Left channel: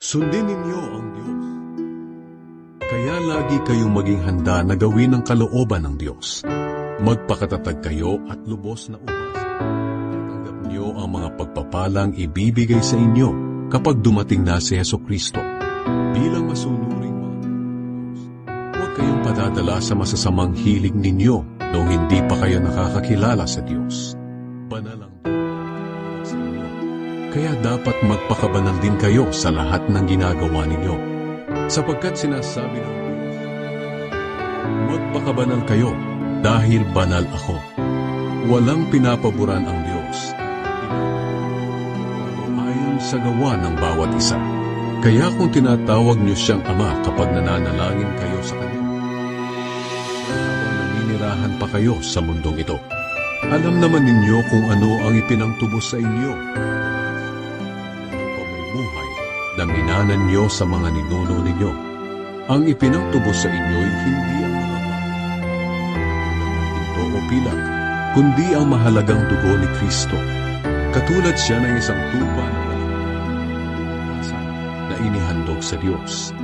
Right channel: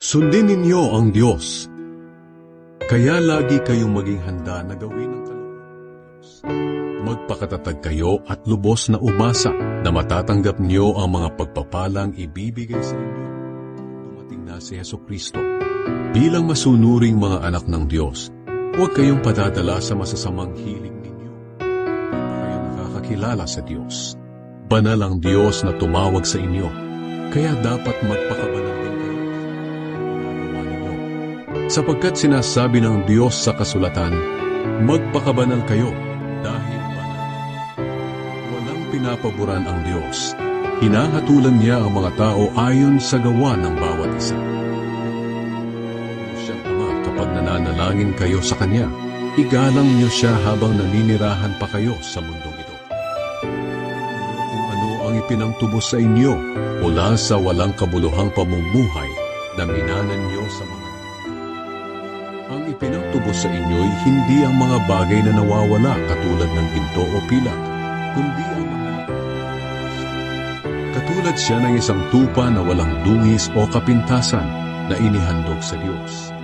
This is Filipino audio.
Sundin ninyo ang Diyos. Kaya lagi kayong maging handa na gawin ang kalooban ng Diyos. Magpakatatag kayo at lubos na umasa na matatanggap niyo ang mga pagpapalang ibibigay sa inyo kapag dumating na si Hesukristo. Bilang masunuring mga anak ng Diyos, huwag kayong padadala sa masasamang hilig ninyo noong hindi pa kayo nakakakilala sa Diyos. Banal ang Diyos na tumawag sa inyo. Kaya dapat magpakabanal din kayo sa lahat ng ginagawa ninyo. Sapagkat sinasabi ng Diyos sa kasulatan, magpakabanal kayo dahil banal ako. Walang pinapaboran ang Diyos. Hinahatulan niya ang mga tao ayon sa gawa ng bawat isa. Kaya kung tinatawag niyo siyang Ama kapag nananalangin kayo sa Kanya, igalang niyo siya habang naninirahan pa kayo sa mundong ito. Alam naman ninyo kung ano ang ipinangtubos sa inyo mula sa walang kabuluhang pamumuhay na minanan niyo sa mga ninuno ninyo. Ang ipinangtubos sa inyo'y hindi ang mga bagay na nawawala katulad ng ginto o pilak, kundi ang mahalagang dugo ni Kristo. Katulad siya ng isang tupa na walang dungis o kapintasan na inihandog sa Diyos.